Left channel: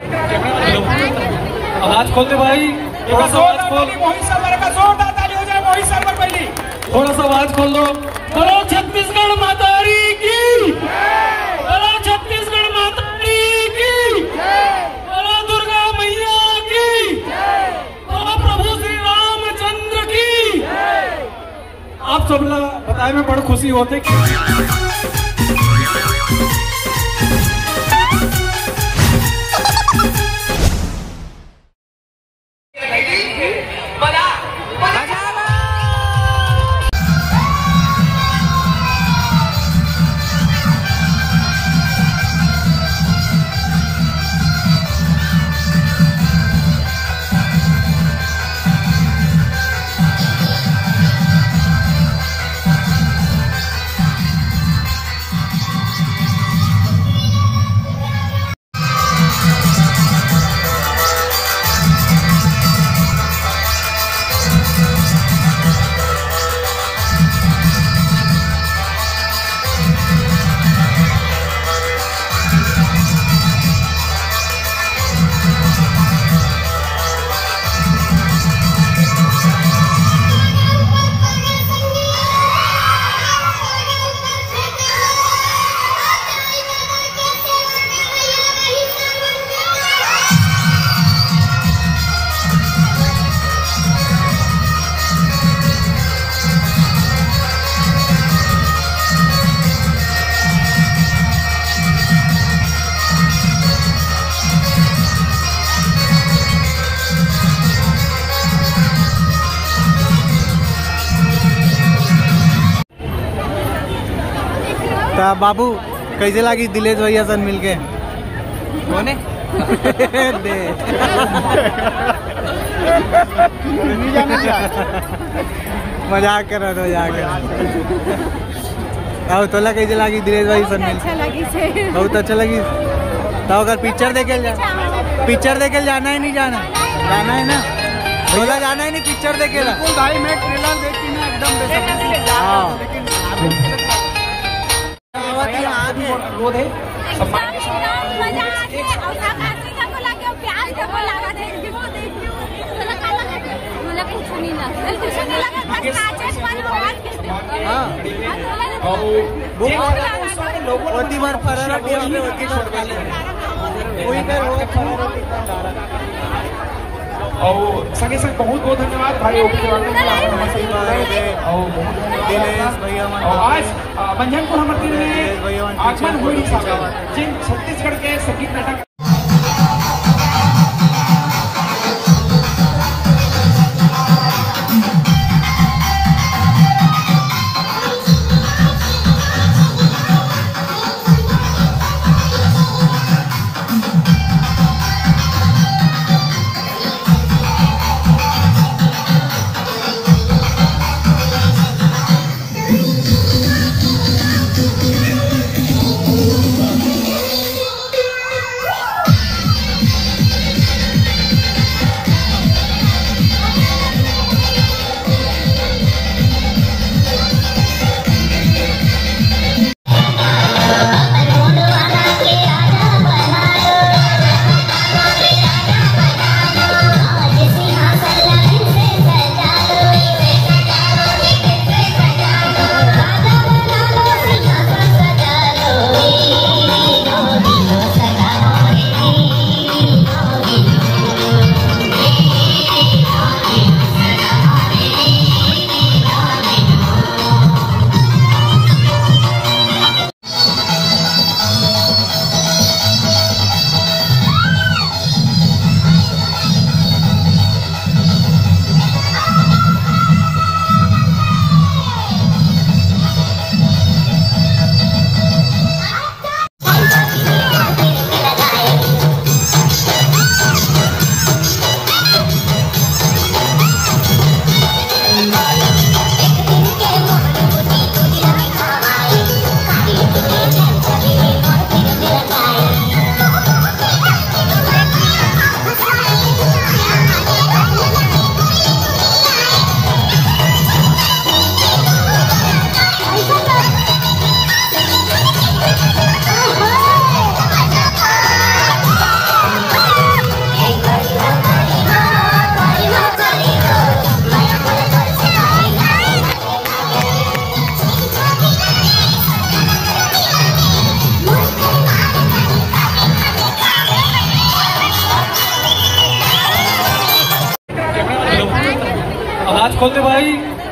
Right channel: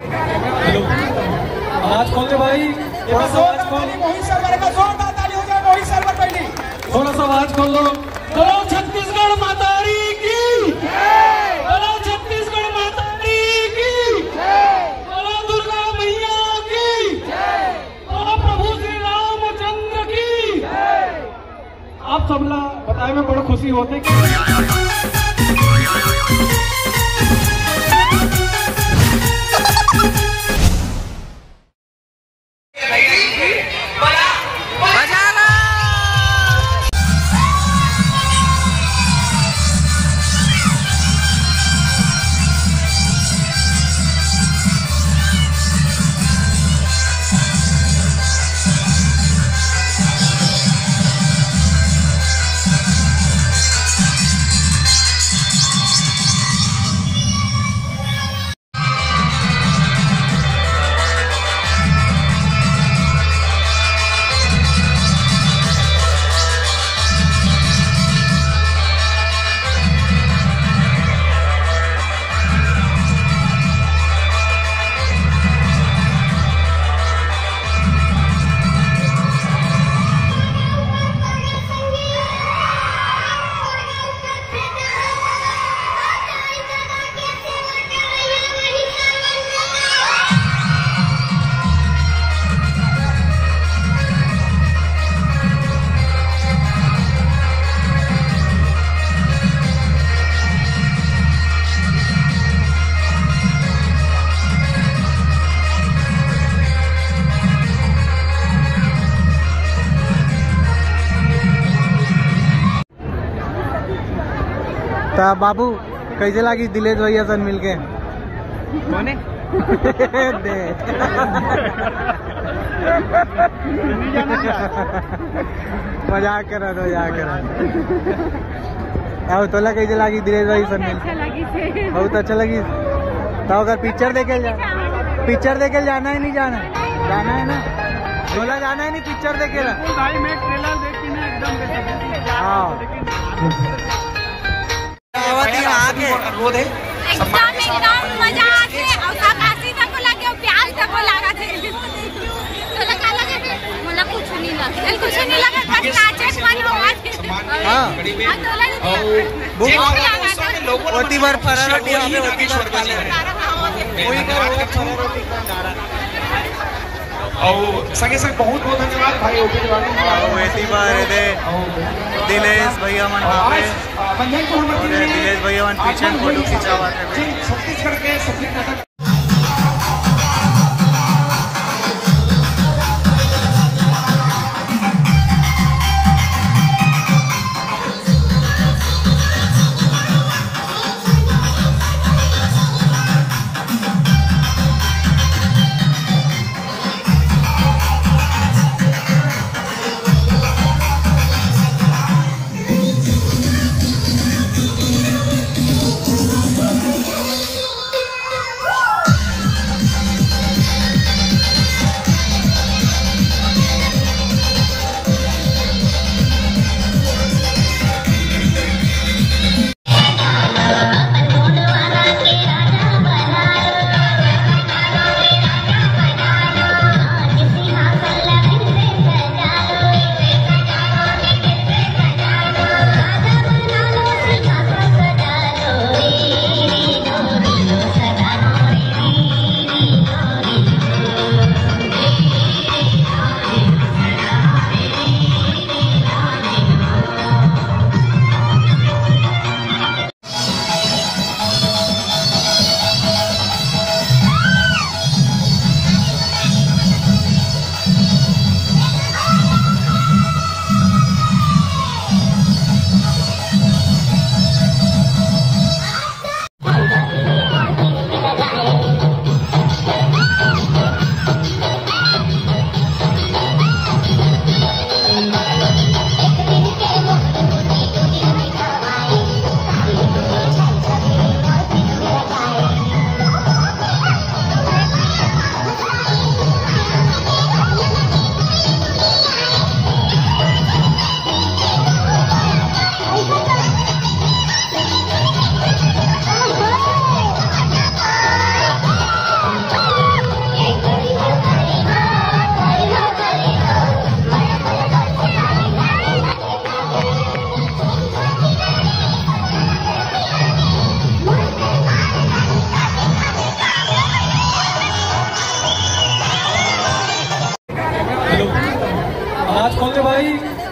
आवाज खोल दे भाई, आवाज खोल। थोड़ा सा आवाज खोल दो। बोलो छत्तीसगढ़ मातारी की, बोलो छत्तीसगढ़ मातारी की, बोलो दुर्गा मैया की, बोलो प्रभु श्री रामचंद्र की। आप सब लोग बताए में बड़ी खुशी होते कि तो बाबू कैसे लगी दिलेश भैया सन मिलके? कौन है? मजाक कर रहा था, मजाक कर रहा था। तोला कैसे लगी दिलेश भाई सन मिलके? बहुत अच्छा लगी। तो अगर पिक्चर देखे जाना है नहीं जाना? जाना है ना भैया, जाना है नहीं पिक्चर देखे ला? भाई मैं ट्रेलर देखी ना एकदम। हाँ अनुरोध है सम्मान के साथ मजा आके और काशी तक को लगे और प्याज तक को लगा थे। तो लगा मुझे कुछ नहीं लगा, कुछ नहीं लगा, बस काचे पानी हुआ। हां तो होती बार फरारोटी हमें होती बार खाले कोई कर होगा फरारोटी का डारा। और संगे संग बहुत बहुत धन्यवाद भाई होती बार दे दिलेश भैया मन मंजन को हम दिलेश भैया मन पीछे फोटो खिंचावाते हैं। छत्तीसगढ़ के संगीत नाटक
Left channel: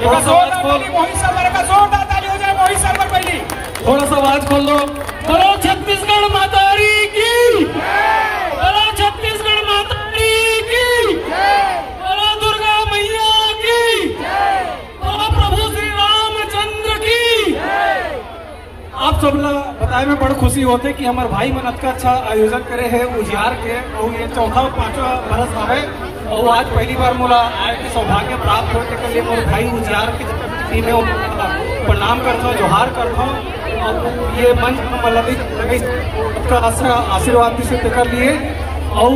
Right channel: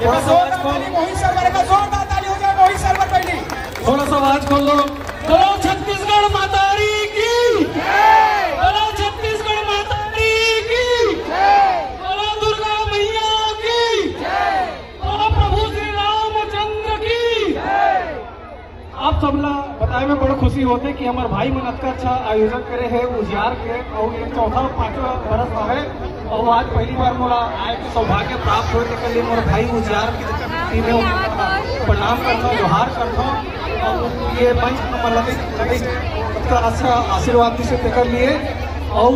थोड़ा सा आवाज खोल, थोड़ा सा आवाज खोल दो। बोलो छत्तीसगढ़ मातारी की, बोलो छत्तीसगढ़ मातारी की, बोलो दुर्गा मैया की, बोलो प्रभु श्री रामचंद्र की। आप सब लोग बताए में बड़ी खुशी होते कि हमारे भाई मन अच्छा अच्छा आयोजन करे है उजियार के, और ये चौथा 5वां बरस है। और आज पहली बार मोला आए के सौभाग्य प्राप्त होने के लिए मेरे भाई उजियार की टीम प्रणाम करता, जोहार करता। और ये मंच का आशीर्वाद से कर लिए। और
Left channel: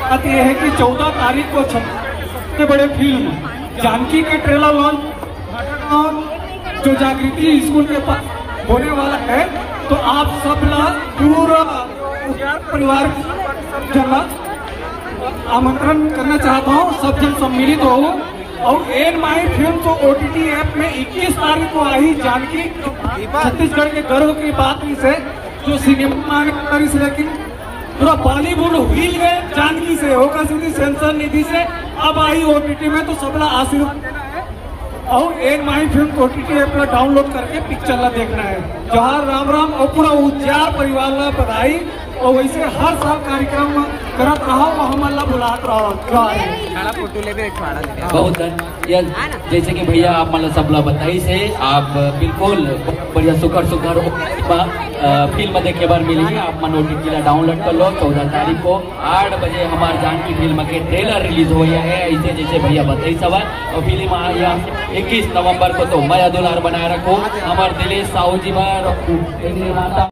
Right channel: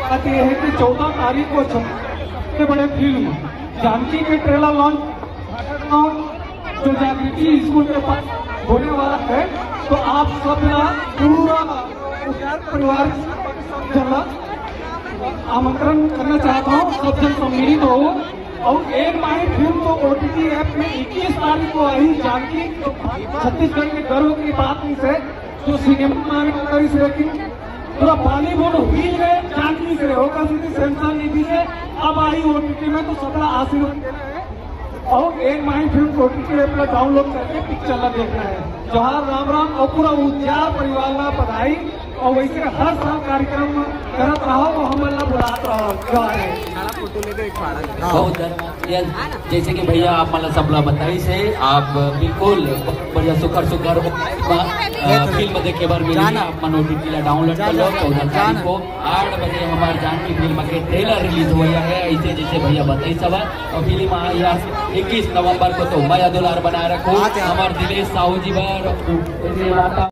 बात यह है कि 14 तारीख को सबसे बड़े फील्ड में जानकी के ट्रेलर लॉन्च जो जागृति स्कूल के पास होने वाला है, तो आप सब पूरा परिवार जना आमंत्रण करना चाहता हूँ, सब जन सम्मिलित हो। और एन माई फिल्म तो OTT ऐप में 21 तारीख को आई जानकी, छत्तीसगढ़ के गर्व की बात इस है जो सिनेमा में से, लेकिन पूरा बॉलीवुड हिल गए जानकी से, होगा सीधी सेंसर निधि से अब आई OTT में, तो सबका आशीर्वाद देना है। और एक माई फिल्म OTT ऐप पर डाउनलोड करके पिक्चर ला देखना है। जोहार राम राम और पूरा उजियार परिवार ला बधाई। और वैसे हर साल कार्यक्रम करत रहो और हमारा बुलात रहो। फोटो लेके एक बहुत जैसे कि भैया आप मतलब सब लोग बताई से आप बिल्कुल बढ़िया सुकर फिल्म देखे बार मिली है। आप मन OTT डाउनलोड कर लो। 14 तारीख को 8 बजे हमारे जानकी फिल्म के ट्रेलर रिलीज हो गया है, ऐसे जैसे भैया बताई सब। और फिल्म 21 नवंबर को तो मैं दुलार बनाए रखो हमारे दिलेश साहू जी बार।